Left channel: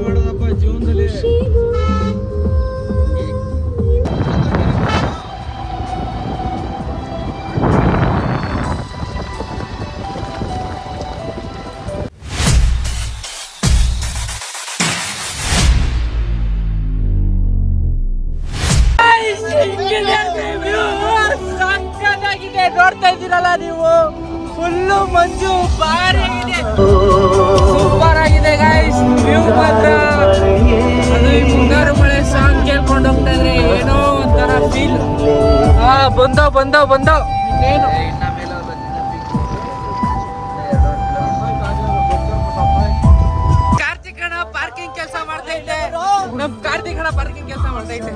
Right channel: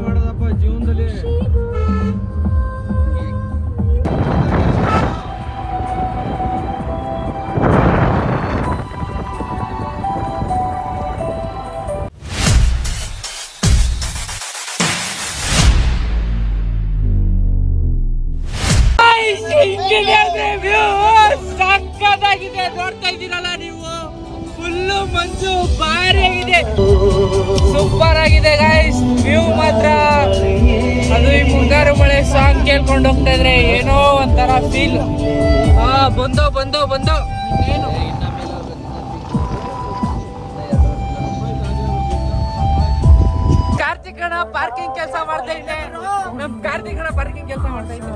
ಮಾಡೋದಪ್ಪ ಜೀವನದಲ್ಲಿ. ಸಕ್ಕತ್ತಾಗಿದೆ, ನೋಡ್ತಾ ಇದ್ದೀರಲ್ಲ ನೀವು. ಫುಲ್ಲು ಮಂಜು ಭಾರಿ ಆಗಿದೆ, ಸೂಪರ್ ಆಗಿದೆ ಗೈಸ್. ವ್ಯೂ ಮಾತ್ರ ಅದು ಈ ಮುಂಗಾರು ಮಳೆ ಸಾಂಗ್ ಕೇಳ್ಕೊಂಡು ಹೋಗ್ತಾ ಇದ್ರೆ ಏನೋ ಒಂಥರ ಫೀಲ್. ಬಂದೋ ಇನ್ನೇನು. ಕಾರ್ತಿಕಣ ಪಾರ್ಕಿಂಗ್ ಕೆಲಸ ಮಾಡ್ತಾ ಇದ್ದೆ. ಕಾರ್ತಿಕಣ ಪಾರ್ಕಿಂಗ್ ಕೆಲಸ ಮಾಡ್ತಾ ಇದ್ದೆ.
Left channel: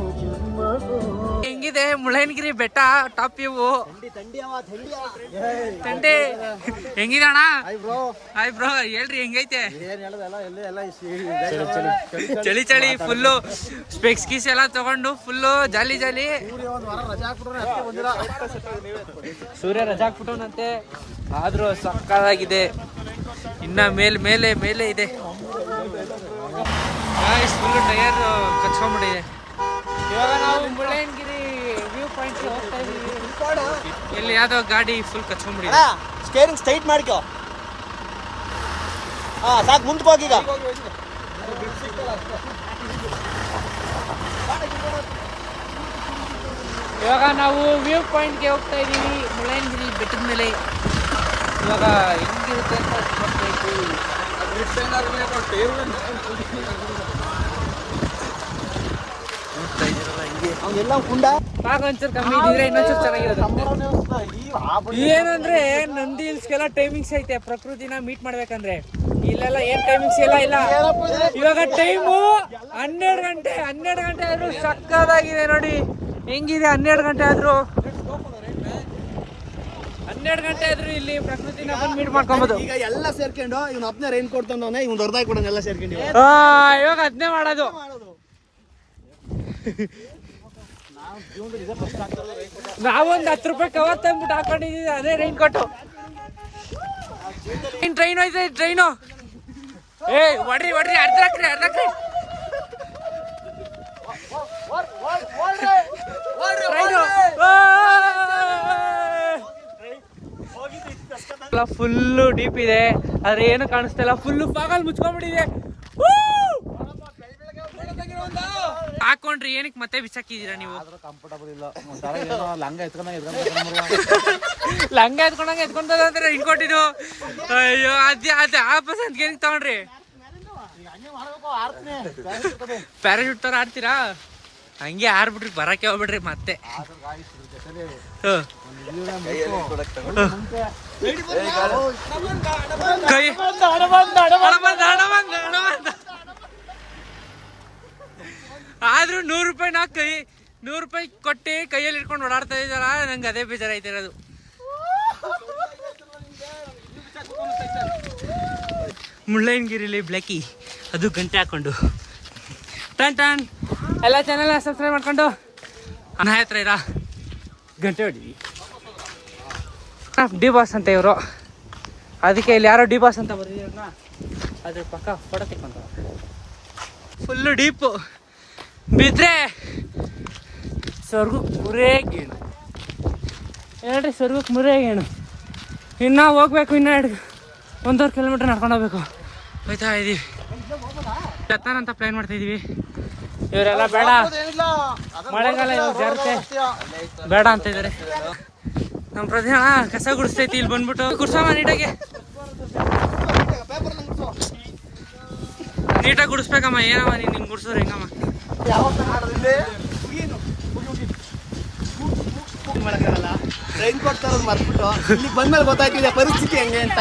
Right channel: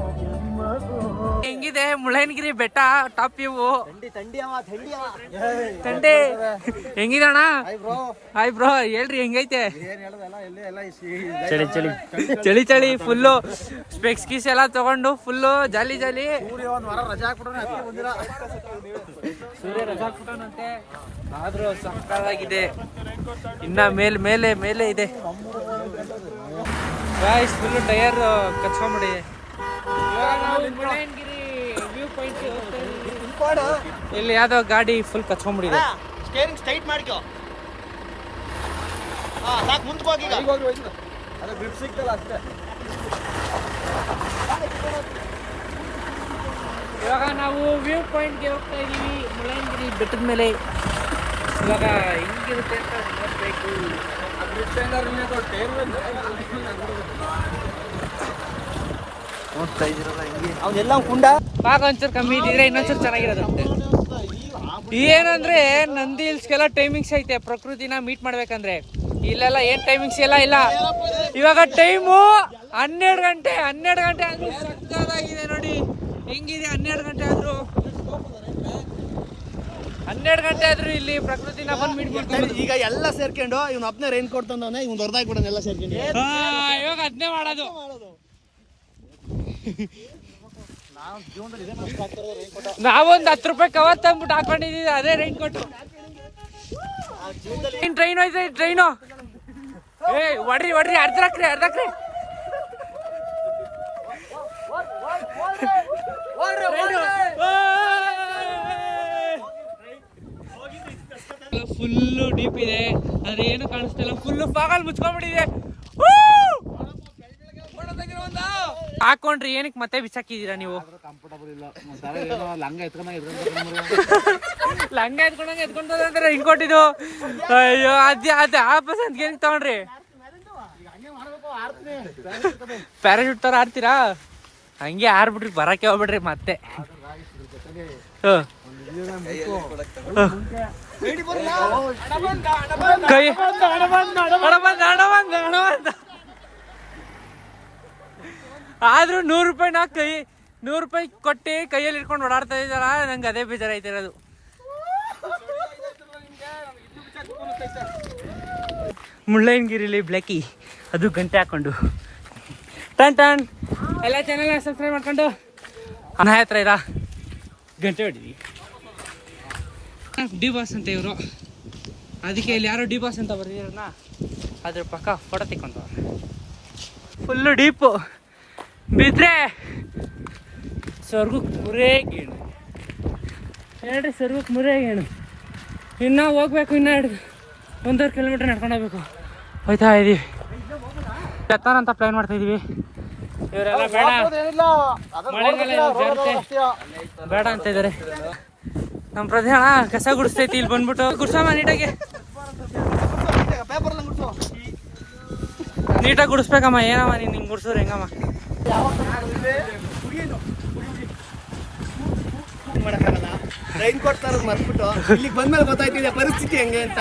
ಹೆಂಗಿದೆ ಮುಳ್ಳಯ್ಯನಗಿರಿ ಬೆಟ್ಟ ಟಾಪ್ ವ್ಯೂ? ತಂಡೆ ಹೆಂಗಿದೆ ಅಣ್ಣ? ಹಾಯ್ ಬ್ರೋ, ಹೇಳ್ರಿ ಹೆಂಗೈತೆ? ಚಳಿ ಫುಲ್ಲು ಸ್ಪೆಕ್ಸ್ ಗೀಸ್ ಎಲ್ಲ ತಗೊಂಡು ಫುಲ್ಲು ಜಾಲಿ. ಸೂರ್ಯ ರಜಾ ಹಾಕ್ಬಿಟ್ಟವನಂತೆ, ಆದ್ರೂ ಸಕ್ಕತ್ತಾಗಿದೆ. ಇನ್ನ ಮೇಲೆ ಇದೆ ಗಾಯ್ಸ್. Full tyre ಕಚ್ಕೊಂಡ್ಬಿಟ್ಟಿದೆ. ಇವಾಗ ನಾವು ಮುಳ್ಳಯ್ಯನಗಿರಿ ವ್ಯೂ ಪಾಯಿಂಟ್ ಹೋಗ್ತಾ ಇದೀವಿ. ಇಲ್ಲಿ ಯಾವ್ದೋ ಗಾಡಿ ಫುಲ್ ಕಚ್ಕೊಂಡ್ಬಿಟ್ಟಿದೆ. ಸ್ಟೇರಿಂಗ್ ಸ್ಟ್ರೈಟ್ ಮಾಡ್ಕೋ. ಸಾಕು, ಮುಂದಕ್ಕೆ ಹೋಗಿ. ಇವಾಗ ನಾವು ವ್ಯೂ ಪಾಯಿಂಟ್ಗೆ ಹೋಗ್ತಾ ಇದೀವಿ, ಮುಳ್ಳಯ್ಯನಗಿರಿ ಬೆಟ್ಟದ ಮೇಲೆ. ಇವಾಗ ಹೆಂಗಿರುತ್ತೆ ಅಂತ ನೋಡ್ಬೇಕು. ನೋಡ್ತಾ ಇದೀರಲ್ಲ ಹಿಂಗೆ. ಪಾಕ ಒಂಚೂರು ಕಮ್ಮಿ ಇದ್ದಿದ್ರೆ ಇನ್ನೊಂಚೂರು ಚೆನ್ನಾಗಿರೋದು. ಏನಂದ್ರೆ ನಂದಿ ಹಿಲ್ಸ್ಗೆಲ್ಲ ಟೈಮಿಂಗ್ಸ್ ಐತೆ ಪ್ರಕೃತಿನ ಮೀಟ್ ಮಾಡ್ಬೇಕಂದ್ರೆ. ಇಲ್ಲೆಲ್ಲ ಏನ್ ಟೈಮಿಂಗ್ಸ್ ಇಲ್ಲ. ಇವಾಗ ಟೈಮು 12 ಗಂಟೆ ಆದ್ರೂ ಸಕ್ಕದಾಗಿದೆ ನೋಡಿ ಹೆಂಗಿದೆ. 12 ಗಂಟೆ ಆದ್ರೂ ಇಲ್ಲಿ ಪ್ರಕೃತಿನ ಬಂದು ಮೀಟ್ ಮಾಡ್ಕೊಬೋದು. ಈಗ ಎಲ್ಲ ಸೇರ್ಕೊಂಡು ಇವ್ನು ಒಬ್ಬನೇ ರೈನ್ ಕೋಟ್ ತಂದವನೇ, ಇವ್ನು ದೊಡ್ಡದಾಗಿ ಕೊಡೋದು ಎಲ್ಲ ಸೇರ್ಕೊಂಡು. ಇವಾಗ ಅದನ್ನೇ ಮಾಡೋದು. ನಾವೊಂದು 10 ರೂಪಾಯಿ ಕವರ್ ತಂದ್ಬಿಟ್ಟು ಹಾಕೊಂಡಿದೀವಿ, ಅದೇ ರೈನ್ ಕೋಟು. ಟ್ರೈನ್ ಹೋಯ್ತು, ಟ್ರೈನು. ಹೊಡ್ರಿ ಅರ್ಧಕ್ರಿ. ಫುಲ್ಲು ಡೀಪ್ ಇದೆ, ಆದ್ರೆ ಏನು ಕಾಣಿಸ್ತಾ ಇಲ್ಲ. ಫುಲ್ಲು ಫಾಗಲ್ ಮುಚ್ಕೊಂಡ್ಬಿಟ್ಟಿದೆ. ಹಾಕೊಂಡ್ರಿ ಏನಕ್ಕೆ ಮತ್ತೆ ಬಿಸಾಕಿದೀರಾ ನೀವು? ಲಂಗ ಎತ್ಕೊಂಡ್ರೆ ಹಿಂಕೊಟ್ಟಿದ್ದು. ಅಯ್ಯೋ ಅದೇ ಆಪಸ್ ಅಂತ ಏನಕ್ಕೆ ತಗೊಂಡ್ರಿ? ಪ್ಯಾರಾಶೂಟ್ ತರ ಆಡ್ತೀರಾ? ಹಂಗೆ ಆರ್ಬಿಟ್ರಿ, ಬರಕ್ಕೆ ಹೋಗ್ಬಿಡ್ರಿ ಮತ್ತೆ. ಕೈ ಆದ್ರೂ 100 ರೂಪಾಯಿ ಕೊಟ್ಟು ಕೈಯಲ್ಲಿ ಇಟ್ಕೊಂಡು ಓಡಾಡ್ತಾ ಇದ್ದಾರ. ನಂಗೆ ಅದೇ ಬೇಜಾರಾಯ್ತಿರೋದು. ಮುಳ್ಳಯ್ಯನಗಿರಿಲಿ ಬ್ಲ್ಯಾಕಿ, ಅದು ಗಂಟೆ ಹಾಕೊಂಡು ಟನ್ ಎಲ್ಲ ಚಾನೆಲ್ ಸಬ್ಸ್ಕ್ರೈಬ್ ಮಾಡ್ಕೊಂಡು ಅನ್ನ ಹತ್ರ ಇರ ಗಂಟೆ ಹೊಡಿದ್ವಿ. ಡಿ ಬಾಸ್ ಅಂತ ಇವರು, ಅದಕ್ಕೆ ಇಲ್ಲಿ ಯಾರೋ ಡಿ ಬಾಸ್ ಅಂತ ಬರ್ದಿದ್ರನ್ನ ಅದ್ರ ಪಕ್ಕ ಫೋಟೋ ತೆಕ್ಕೊಂತವ್ರೆ. ಫುಲ್ಲು ಡೀಪು ಬಿದ್ರೆ ಸ್ವರ್ಗಕ್ಕೆ ಮುರೇಗೇಣು. ಹೇಳ್ರಿ, ಸ್ವರ್ಗಕ್ಕೆ ಮುರೇಗೇಣು. ಇನ್ನೂ ಹೋಗ್ಬೇಕು, ಇನ್ನೂ 1.5 ಕಿಲೋಮೀಟರ್ ನಡ್ಕೊಂಡು ಹೋಗ್ಬೇಕು. ಹೋಯ್ತಾ ಇದೀವಿ. ಎತ್ತಾನ ಅಂತ ಪ್ಲ್ಯಾನ್ ಮಾಡ್ತಾ ಇದೀವಿ. ಇವರೆಲ್ಲ ಬೇಡ, ಮಳೆಗಾಲ ಇವಾಗ ಜಾರುತ್ತೆ, ಬೇಡ ಅಂತ ಇದ್ದಾರೆ. ನಮ್ಮ ಪ್ರಧಾನ ಕಸ ಗುಡಿಸ್ತೈತಿ, ಇಲ್ಲಿ ಬಂದ್ಬಿಟ್ಟು ಗುಡ್ಸಮ್ಮ ನೀಟಾಗಿ ಗುಡಿಸ್ಬೇಕಮ್ಮ. ಏನಮ್ಮ ನೀನು ಹಿಂಗೆ ಗುಡ್ಸಿದ್ರೆ ಹೆಂಗಮ್ಮ? ಮಾಡಕ್ಕಾಗಲ್ಲ, ರೈನ್ ಕೋಟ್ ತರೋದು ಮರ್ಬಿಟ್ಟು ಇಲ್ಲಿಗೆ ಬಂದ್ಮೇಲೆ ಗೊತ್ತಾಯ್ತಿದೆ ಪರಿಸ್ಥಿತಿ ಹೆಂಗೆ ಅಂತ.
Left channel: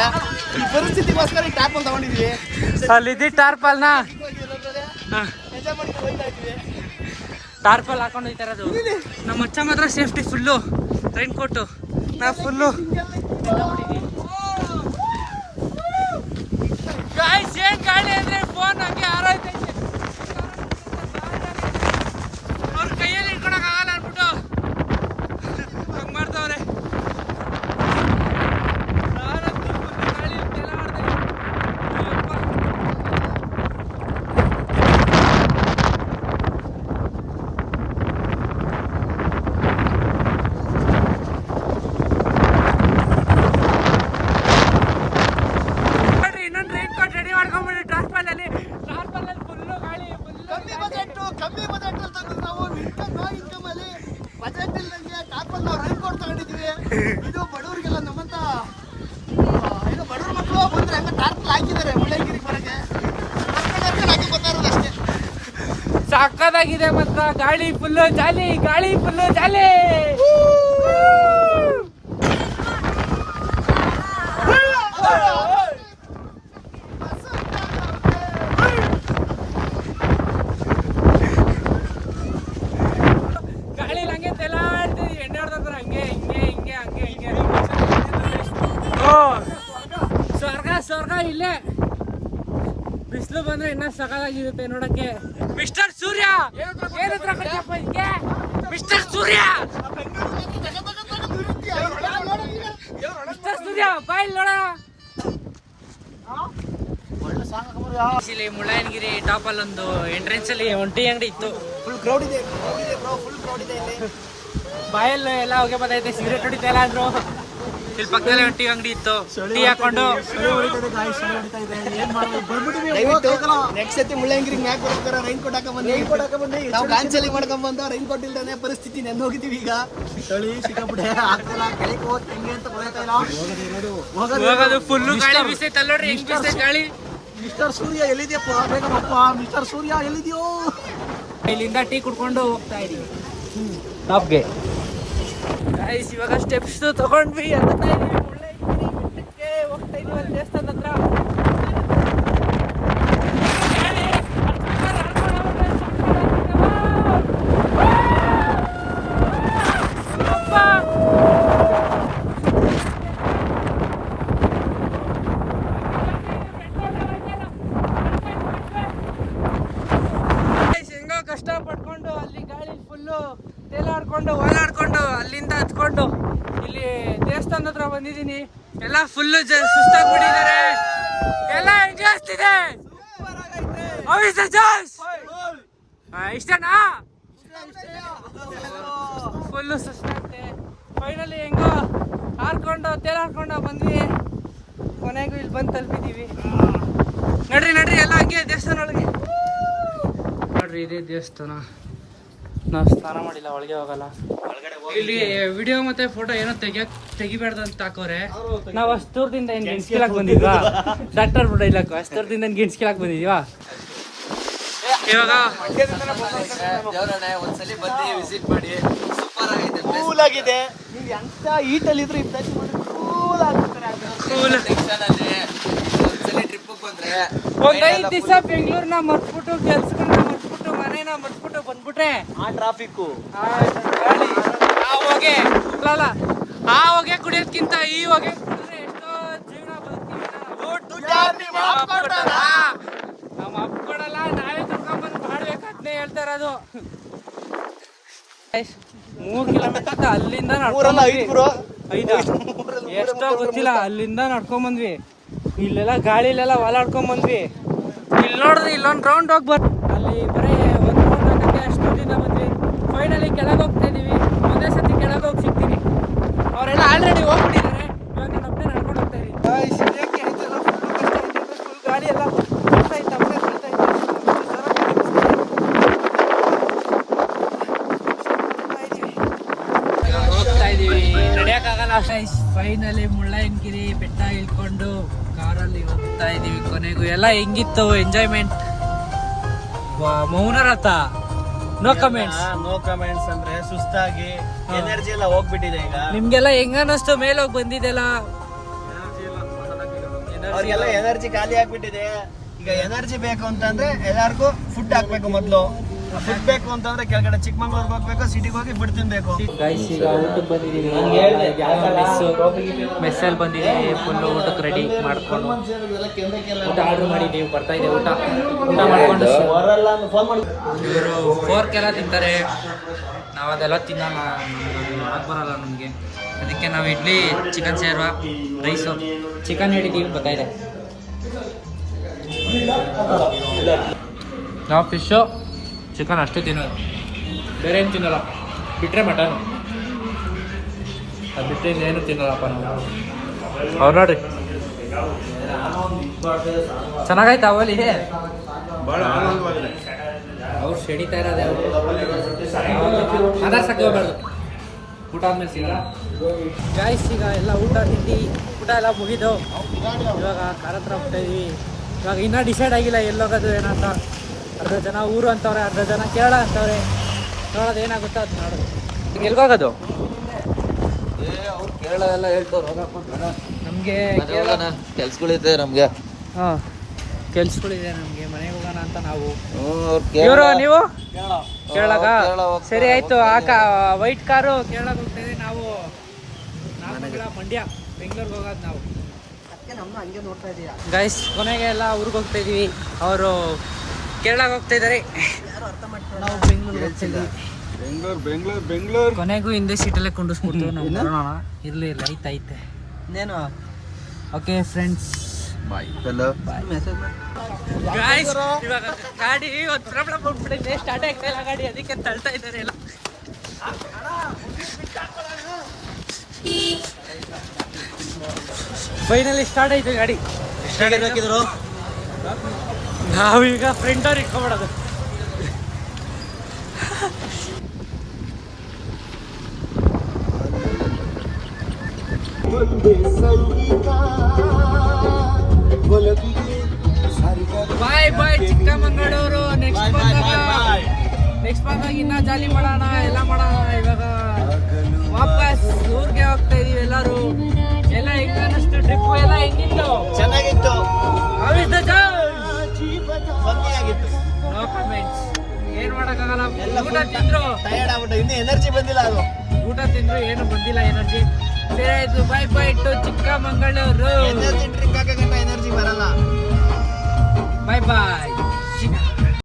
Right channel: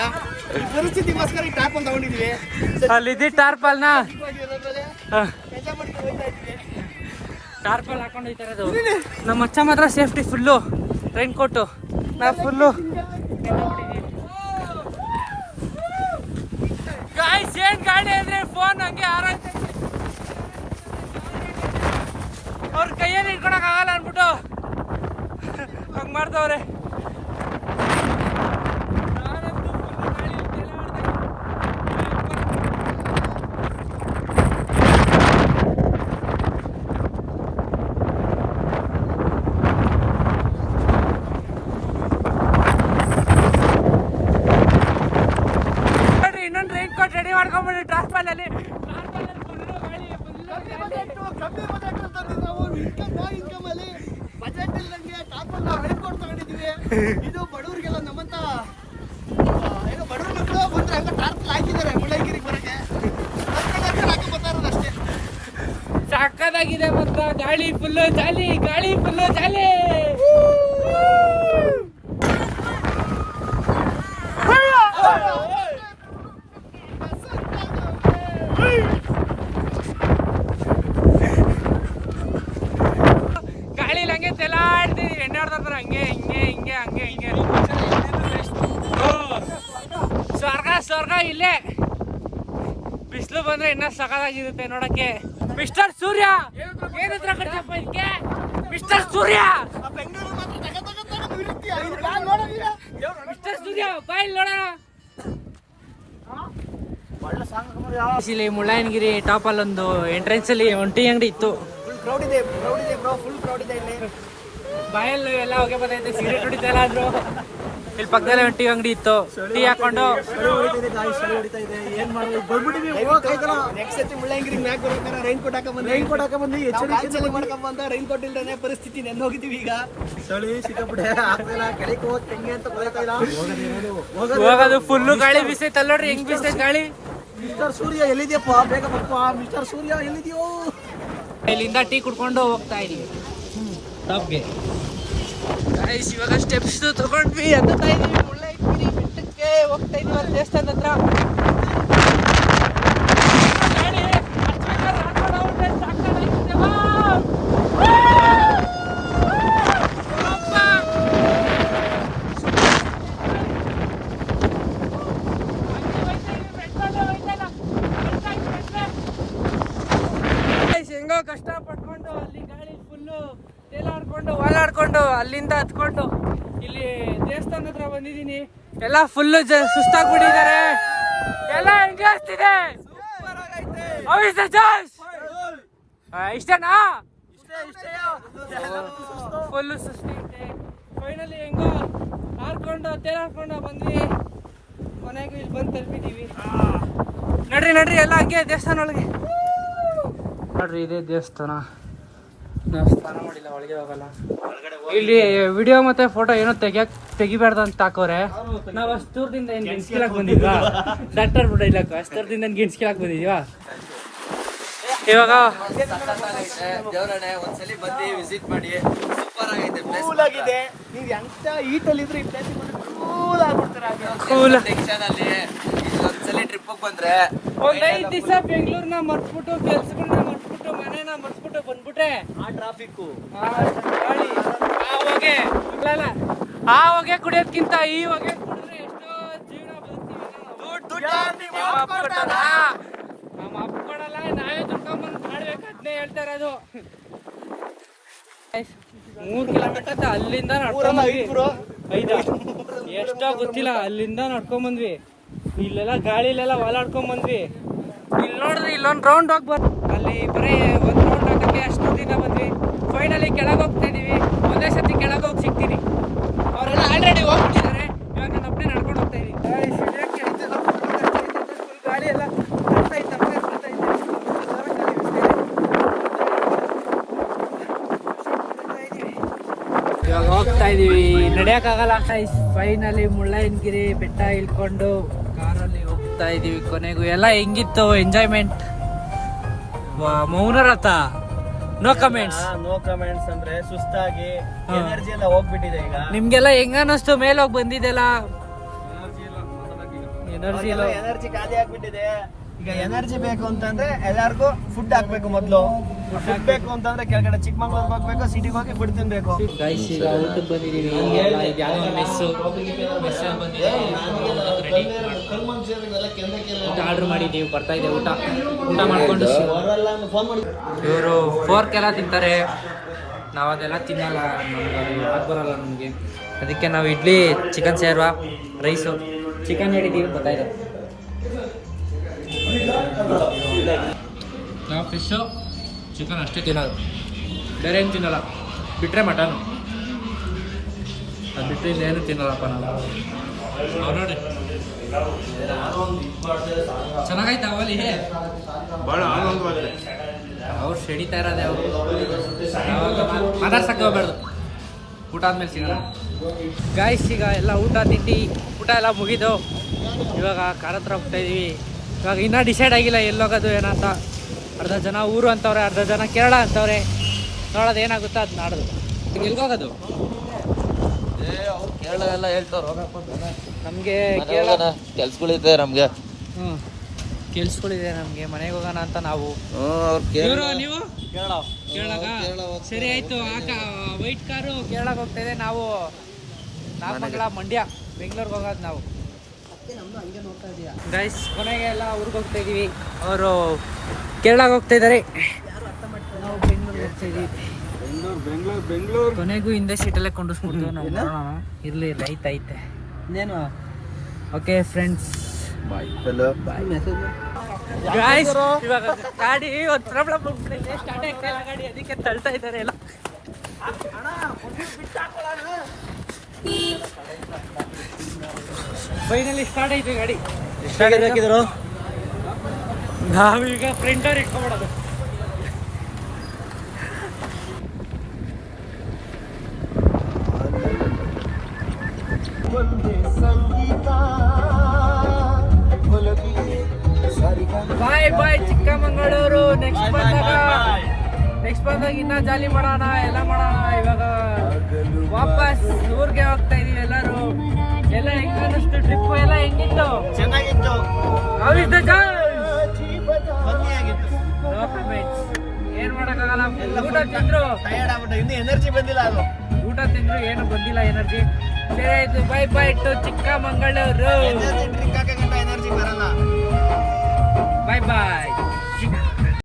ಈ ಪರಿಸ್ಥಿತಿಗೋಸ್ಕರ ಈ ಟಾರ್ಪಲ್ ತಗೊಂಡಿದೀವಿ. ಅಲ್ಲಿದ್ದಿ ಟಾರ್ಪಲ್ನ ಟಾರ್ಪಲ್ ಹಾಕೊಂಡು ಹೋಯ್ತಾರದು. ನಮ್ಮ ಅಚ್ಚ ಮಾತ್ರ ಸೇಫ್ಟಿ ಫುಲ್ಲು, ರೈನ್ ಕೋಟು. ನಾ ಫುಲ್ಲು ಏನ್ ಗಾಳಿ ಅಂದ್ರೆ ಫೋನ್ ಹಂಗೆ ಹಾರೋಯ್ತೈತೆ. ಅವ್ರ ಕೈಯಲ್ಲಿ ಇಟ್ಕೊಳಕ್ ಆಗಲ್ಲ ಅನ್ಬಿಟ್ಟು ಹಂಗ್ ಮಾಡ್ತವ್ರೆ. ಇದು ಬಡವರಿಗೆಲ್ಲ ನಮ್ಮಂತ ಏನೋ ಬಡವ್ರ ಮಕ್ಕಳು ಬಂದ್ರೆ ಹಂಗ ಟಾರ್ಪಲ್ ಹಾಕಿದ್ದಾರೆ ಮುಳ್ಳಯ್ಯನಗಿರಿಗೆ ಬರಕ್ಕೆ ಅಷ್ಟೇ. ಸಕ್ಕದಾಗಿದೆ ಮಾತ್ರ. ಗಾಳಿ ಫುಲ್ಲು ಜಾಲಿ, ಗಾಳಿ ಫುಲ್ಲು ಜಾಲಿ. ಗಾಳಿಲಿ ಹಂಗೆ ತೆಲಾಡ್ತೀವಿ, ಎಣ್ಣೆ ಹೊಡೆದ್ರೆ ಹಂಗೆ ಹಿಂಗೆ ಹಿಂಗೆ ಹಂಗೆ ಹಿಂಗೆ. ಸ್ವರ್ಗ ಸ್ವರ್ಗ ಇಲ್ಲೇ. ಬಿಸಿಲು ಬಂದ್ರೆ ಇನ್ನ ಸಖತ್ತಾಗಿರುತ್ತೆ ನೋಡಕ್ಕೆ. ಮಿಸ್ಟರ್ ಸೂರ್ಯ ಏನತ್ರ ಕಟ್ಸಪ್ಪ ಇದಕ್ಕೆ? ಮಿಸ್ಟರ್ ಸೂರ್ಯ, ಮಿಸ್ಟರ್ ಸೂರ್ಯ ಬಾಯ್ ನೋಡ. ಇಲ್ಲಿ ಮುಳ್ಳಯ್ಯನಗಿರಿ ಟಾಪ್ ಅಲ್ಲೊಂದು ಎಂಟ್ರೆನ್ಸ್ ಅಲ್ಲಿ ಒಂಟಿ ಅಂಗಡಿ ಇತ್ತು. ಕ್ರೌಡ್ ಇದೆ ಬ್ರೋ, ಫುಲ್ ಕ್ರೌಡ್ ಇದೆ ಇಲ್ಲಿ. ಬಾಯಲ್ಲಿ ಎಲ್ಲ ಹೋಗಿ ಬಂದೈತೆ, ಸಿಗರೇಟ್ ಹೊಡಿತಾ ಇಲ್ಲ ಅಂದ್ರು. ಇಲ್ಲಿ ಪಕ್ಕದಲ್ಲಿ ಒಂದು ಟೀ ಅಂಗಡಿ ಇತ್ತು, ಟೀ ಹಾಕೊಂಡು ನೆಕ್ಸ್ಟ್ ಸತಿ ಮುಳ್ಳಯ್ಯನಗಿರಿ ಮ್ಯಾಕ್ ಬರ್ಬೇಕಾರೆ ರೈನ್ ಕೋಟ್ ಹಾಕೊಂಡ್ ಬಂದ ರೈನ್ ಕೋಟ್ ಇಲ್ದೇ ಪರಿಸ್ಥಿತಿ ನೆಂದು ಹೋಗಿದ್ದೀವಿ ಈಗ. ಚಳಿ ಸಿಕ್ಕಾಬಿಟ್ಟೆ ಆಗ್ತಿಲ್ಲ, ಕೆಳಗೆ ಹೋಗಿ ಹೆಂಗೆ ಅಂತ ಗೊತ್ತಾಯ್ತಾ ಇಲ್ಲ. ಹೋಗೋದು ಫುಲ್ಲು ಗಾಳಿ ಬಿಸೈತೆ ಅಲ್ಲೋಡ್ರಿ, ಹೆಂಗ್ ಬಿಸೈತೆ ಗಾಳಿ. ಮಿಸ್ಟರ್ ಸೂರ್ಯ ಎಲ್ಲಿದ್ಯಪ್ಪ, ಬೇಗ ಬಪ್ಪ. ಮಿಸ್ಟರ್ ಸೂರ್ಯ ಎಲ್ಲಿದ್ಯೋ? ಇಲ್ಲಿಂದ ಟೀ ಕುಡ್ಕೊಂಡು ಹೋಗ್ತಾ ಇದೀವಿ ಟಾಪ್ಗೆ. ಇವಾಗ ಸ್ಟೆಪ್ಸ್ ತಗೊಂಡ್ವಿ ಅಂತ ಹೋಗ್ತಾ ಇದ್ವಿ ಅಲ್ಲಿ ದೇವಸ್ಥಾನದ ಹತ್ರ. ಹೆಂಗೋ ಕಷ್ಟ ಪಡ್ಕೊಂಡು ಅಲ್ಲಿ ಗಾಳಿ ಫುಲ್ಲು ತೇಲಾಡ್ಕೊಂಡು ಓಡಾಡ್ಕೊಂಡು ಅಲ್ಲಿಂದ ಹತ್ಕೊಂಡು ಇಲ್ಲಿ ದೇವಸ್ಥಾನದ ಹತ್ರ ಬಂದಿದ್ದೀನಿ. ಎಲ್ಲ ಫುಲ್ಲು ಸುಸ್ತಾಗ್ಬಿಟ್ಟಿದ್ದಾರೆ, ಎಲ್ಲ ಹೆಂಗಾಗ್ತಿದೆ. ಇಷ್ಟನಾ? ಫುಲ್ಲು ಸುಸ್ತಾಗ್ತೆ. ಫೈನಲಿ ಹೆಂಗೋ ಹಾರ್ಕೊಂಡು ತೇಲಾಡ್ಕೊಂಡು ಬಂದ್ವಿ. ಕೊನೆಗೂ ಇಲ್ಲಿ ಬಂದು ತಲುಪಿದ್ದೀವಿ. ನಡ್ರಿ ನಡ್ರಿ ಎಲ್ಲ ಹಂಗೆ ದೇವಸ್ಥಾನ ಒಳಗೆ ನೋಡ್ರಿ. ಇದೇ ದೇವಸ್ಥಾನ. ನಾವು ಸ್ನಾನ ಮಾಡಿಲ್ಲ, ಒಳಗೆ ಹೋಗಲ್ಲ. ಇಲ್ಲಿ ವಿಡಿಯೋ ಮತ್ತೆ ಫೋಟೋ ಏನೋ ತೆಗಿಬಾರ್ದು ಅಂತ ಹಾಕೋರೆ. ನಾವು ಅಷ್ಟು ದೂರದಿಂದ ಏನು ಗೆಣಸ್ಕಿಲಾಕ್ ಬಂದಿದ್ವಾ? ಡಾಕ್ಟರ್ ಬಿಡ ಇಲ್ಲ, ಅಷ್ಟು ದೂರದಿಂದ ಗೆಣಸ್ಕಿಲಾಕ್ ಬಂದಿದ್ವಾ? ಇವಾಗ ಒಂದ್ಸಲಿ ಬಂದು ವಿಸಿಟ್ ಮಾಡಿ, ಸೂಪರ್ ಆಗೈತೆ, ಕೂಲ್ ಆಗಿದೆ. ನೀವು ಎಂತ ಈಟಲ್ಲಿ ಇದ್ರು ಕೂಲ್ ಆಗ್ತಾರೆ. ಟೆನ್ಷನ್ ಅಲ್ಲಿ ಒಂದ್ಸಲಿ ಟ್ರಿಪ್ ಬಂದ್ರೆ ಒಂದ್ 5 ದಿವಸ ಬೆಂಗಳೂರ್ನ ಮರ್ತ್ಬಿಟ್ಟು, ಕೆಲ್ಸಗಳನ್ನ ಮರ್ತ್ಬಿಟ್ಟು, ಮನೇನ ಮರ್ತ್ಬಿಟ್ಟು ಬಂದ್ಬಿಟ್ರೆ ಆ ಟ್ರಾಫಿಕ್ಕು, ಆ ಹೊಗೆ ಕುಡಿಯೋದ್ಕಿಂತ ಈ ಹೊಗೆ ಕುಡಿದ್ರೆ ಎಷ್ಟೋ ಜೀವನ ಬದುಕ್ತೀವಿ. ನಮ್ಮ ಅಪ್ಕೊಡಲ್ಲ, ನಾವೇ ದುಡ್ಕೊಂಬಂದು ಮಾಡ್ಬೇಕು. ಅದನ್ನೇ ಹೇಳ್ತಾ ಇರೋದು. 3 ಕಿಲೋಮೀಟರ್ ಅಲ್ಲಿಂದ ನಡ್ಕೊಂಡ್ಬಂದ್ವಿ. 5 ಎಷ್ಟೋ ಗೊತ್ತಿಲ್ಲ, ಅಲ್ಲಿಂದ ನಡ್ಕೊಂಡ್ಬಂದ್ವಿ. ಇಲ್ಲೆಲ್ಲ ಗಾಳಿಲೆಲ್ಲ ಓಲಾಡ್ಕೊಂಡ್ಬಂದ್ವಿ. ಇಲ್ಲಿ ನೋಡಿದ್ರೆ ಇಲ್ಲೊಂದು ರೌಂಡ್ ಹೋಗಿ ಅಲ್ಲಿ ಬರೀ ಒಂದು ರೌಂಡ್ ಹಾಕಕ್ಕೆ ಅಷ್ಟು ದಿನ ಬಂದ್ವಿ. ಫೈನಲಿ ಕೆಳಗೆ ಹೋಗ್ತಾ ಇದೀವಿ. ಒಂದೇ ಸತಿ ಕೆಳಗೆ ಹೋಗಿ ಸಿಗ್ತೀನಿ. ಅವರೆಲ್ಲ ಆಲ್ರೆಡಿ ಹೋಗ್ಬಿಟ್ಟಿದ್ದಾರೆ. ಇವಾಗ ನಾನು ಒಬ್ಬನೇ ನಡ್ಕೊಂಡು ಹೋಗ್ತಾ ಇದೀನಿ. ಗಾಳಿ ಎಲ್ಲ ಹೋಗ್ತಾ ಇದೀವಿ, ನಡೆಯೋಕ್ಕಾಗಲ್ಲ. ಫೈನಲಿ ಮುಳ್ಳಯ್ಯನಗಿರಿ ಬೆಟ್ಟ ಇಳ್ಕೊಂಡು ಕಾರಲ್ಲಿ ಹೋಗ್ತಾ ಇದೀವಿ. ಕೊನೆಗೂ ಎಲ್ಲ ಹೆಂಗಿತ್ತು ಎಂಜಾಯ್ಮೆಂಟ್? ಮೌನರಥ ನೋ ಕಮೆಂಟ್ಸ್ ಅಂದ್ರೆ ಸುಸ್ತಾಗಿ ಎನರ್ಜಿ ಎಲ್ಲ ಹೋಗ್ಬಿಟ್ಟಿದೆ ಈಗ. ನಿಮ್ಗೆಲ್ಲ ಹೆಂಗ ಅನ್ನಿಸ್ತು? ಮೇಲೋಗಿ ಬಂದಿದ್ದೆಲ್ಲ ಅವ್ರಿಗೆಲ್ಲ ಎನರ್ಜಿ ಖಾಲಿ ಆಗ್ಬಿಟ್ಟಿದೆ. ಈಗ ಎನರ್ಜಿ ಬೇಕು ಅಂತಂದ್ರೆ ಎಲ್ಲಾರ್ಗು ಫುಡ್ ಹಾಕ್ಬೇಕು. ಮೊದ್ಲು ಫುಡ್ ಹಾಕ್ಬೇಕು ಅಂತಂದ್ರೆ ಕೆಳಗಡೆ ಚಿಕ್ಕಮಂಗ್ಳೂರ್ ಹೋಗ್ಬೇಕು, ಸಿಟಿಗೆ ಹೋಗಿ ಫುಡ್ ತಿನ್ಬೇಕು. ಗೈಸ್ ಈಗ ಊಟಕ್ಕೆ ಬಂದಿದ್ದೀವಿ. ಮೆಸ್ಸಲ್ಲಿ ಬಂದಿದ್ದೀವಿ. ಫುಲ್ ಊಟಕ್ಕೆ ರೆಡಿ ಮಾಡ್ಕೊಂಡು ಊಟ ಆರ್ಡ್ರ್ ಮಾಡಿದ್ದೀವಿ. ಬರ್ತಾ ಇದೆ ಊಟ. ಊಟ ಮಾಡ್ಕೊಂಡು ಇವರು ಫೋರ್ಕೆಲ್ಲ ತಿಂತಾರೆ, ನಾವು ಅದೆಲ್ಲ ತಿನ್ನಲ್ಲ, ಯಾಕೆ ಬರಲ್ಲ ನಮಗೆ. ಅದಕ್ಕೆ ನಾವು ಇಡ್ಲಿ, ಚಿಕನ್ ಸೇರ್ವ, ರೈಸು, ಚಿಕನ್ ಹೇಳಿದ್ದೀವಿ. ಬರ್ತಾ ಇದೆ. ನಾವು ಫಿಶ್ಶು, ಚಿಕನ್ ಅಷ್ಟು ತಿನ್ನೋದು, ಬೇರೆ ಏನು ತಿನ್ನಲ್ಲ. ಬಿಟ್ಟರೆ ಮಟನು, ಅದು ಬಿಟ್ಟರೆ ಇನ್ನೇನು ತಿನ್ನಲ್ಲಪ್ಪ ನಾವು. ಅವ್ರು ನೋಡ್ರಿ ಚೆನ್ನಾಗಾಯ್ತು ಅವಲ್ಲಿ. ಭಾಳ ಆನಂದವಾಗಿದೆ. ಅವ್ರು ಸೆಡಿತಾ ಇರೋದೆ. ಅವರು ಮಾತಾಡ್ಸಕ್ಕೆ ಹೋಗ್ಬಾರ್ದು. ಊಟ ಆದ್ಮೇಲೆ ಸಿಗೋಣ. ಗಾಯ್ಸ್ ಈಗ ಎಲ್ಲ ಊಟ ತಿಂಡಿ ಊಟ ಎಲ್ಲ ಮುಗಿದು ಇವಾಗ ಕಾಡ ಹತ್ರ ಹೋಗ್ತಾ ಇದೀವಿ. ಇವಾಗ ಇನ್ನೂ ಡಿಸೈಡ್ ಆಗಿಲ್ಲ ಎಲ್ಲೋಗೋದು ಏನಂತ. ಅರ್ಧ ಜನ ಊರು ಅಂತವ್ರೆ, ಅರ್ಧ ಜನ ಕೇರಳ ಅಂತವ್ರೆ. ನೋಡೋದು ಏನಾಗುತ್ತೋ ಅದು ಮಾಡೋದು. ಎಲ್ಗೋಗೋದು? ಕೇರಳ ಎಲ್ಲ ಹೇಳ್ತವ್ರು ನಮಗೆ ಕೆಲ್ಸಗಳಿದೆ ನಮ್ಗೆ. ಹಾಂ ಕೆಲ್ಸಗಳಿದೆ ನಮಗೆ, ಮನೆಗೆ ಹೋಗೋಣ ಅಂತ ನಾವು. ಕೇರಳ ಇವರು ನೀವು ಕೇರಳಗ? ಕೇರಳ ಹೋಗ್ತಾರೆ, ಸರಿ ಆಯ್ತು. ವೈಟ್ ಕಾರು ಕೇರಳಕ್ಕೆ ಹೋಗ್ತಾ ಇದೆ. ನಾವು ನಾಗಮಂಗಲ ಮಂಡ್ಯ ಬೆಂಗಳೂರಿಗೆ ಹೋಗೋದು ನಾವು. ಗೈಸ್ ಕೊನೆಗೆ ಎಲ್ಲ ಊರಿಗೆ ಹೋಗ್ತಾ ಇದೀವಿ. ಅವರು ಕೇರಳಕ್ಕೆ ಹೋಗ್ತಾ ಇದ್ದಾರೆ, ನಾವು ಬೆಂಗಳೂರಿಗೆ ಹೋಗ್ತಾ ಇದೀವಿ. ಬೆಂಗಳೂರು ಕೊನೆಗೂ ಹಿಂದೆ ಸೀಟಲ್ಲೇ ಕೊಂಡಿಸ್ಬಿಡ್ತೀವಿ ನಾವು. ನೋಡೋಣ, ಇರಲಿ ಲೈಟ್ ಐತೆ. ಇನ್ನೇನು ಓಕೆ ಫ್ರೆಂಡ್ಸ್, ಹಲೋ ಗಾಯ್ಸ್ ಇವಾಗ ಗಾಡಿ ಒಂದು ಪ್ರಾಬ್ಲಮ್ ಆಗ್ಬಿಟ್ಟಿದೆ, ಸ್ಟಾರ್ಟ್ ಆಗ್ತಾ ಇಲ್ಲ ಗಾಡಿ, ಅದಕ್ಕೆ ತಳ್ತಾ ಇದ್ದಾರೆ ಎಲ್ಲ. ಫೈನಲಿ ಸ್ಟಾರ್ಟ್ ಐತೆ ಗಾಡಿ. ನಾವೀಗ ಫ್ರಂಟ್ ಅವ್ರು ಇಟ್ಕೊಬಿಡೋದು. ಬಾಯ್ ಬಾಯ್ ಚಿಕ್ಕಮಂಗಳೂರು. ನೆಕ್ಸ್ಟ್ ಬಂದಾಗ ಇನ್ನ ಜಾಲಿ ಮಾಡೋಣ, ಎಲ್ಲ ಮಾಡೋಣ. ಇವಾಗ ವಾಪಸ್ ಊರಿಗೆ ಹೋಗ್ತಾ ಇದೀವಿ ಎಲ್ಲರೂ. ಎಲ್ಲ ಹೆಂಗ ಅನ್ನಿಸ್ತು ಟ್ರಿಪ್? ಎಲ್ಲ ಹೆಂಗಿತ್ತು? ಚೆನ್ನಾಗಿತ್ತು, How is the journey? ಭಂಗಿಯಾಗಿತ್ತು. No comments. ಏನ್ ಮಾಡಕ್ಕಾಗಲ್ಲ. ಊಟ ತಿಂದ್ರು, ಟಯರ್ಡ್ ಆಗ್ಬಿಟ್ಟು ಇನ್ನು ಎನರ್ಜಿ ಬಂದಿಲ್ಲ. ಅದು ಊಟ ತಿಂದ್ರು ಏನು ಬಂದಿಲ್ಲ ಎನರ್ಜಿ. ಸರಿ ಆಯ್ತು, bye bye to Chikkamagaluru. Energy drink ಹಾಕಂತ ಎನರ್ಜಿ ಬರಲ್ಲ. ಬಾಯ್ ಬಾಯ್.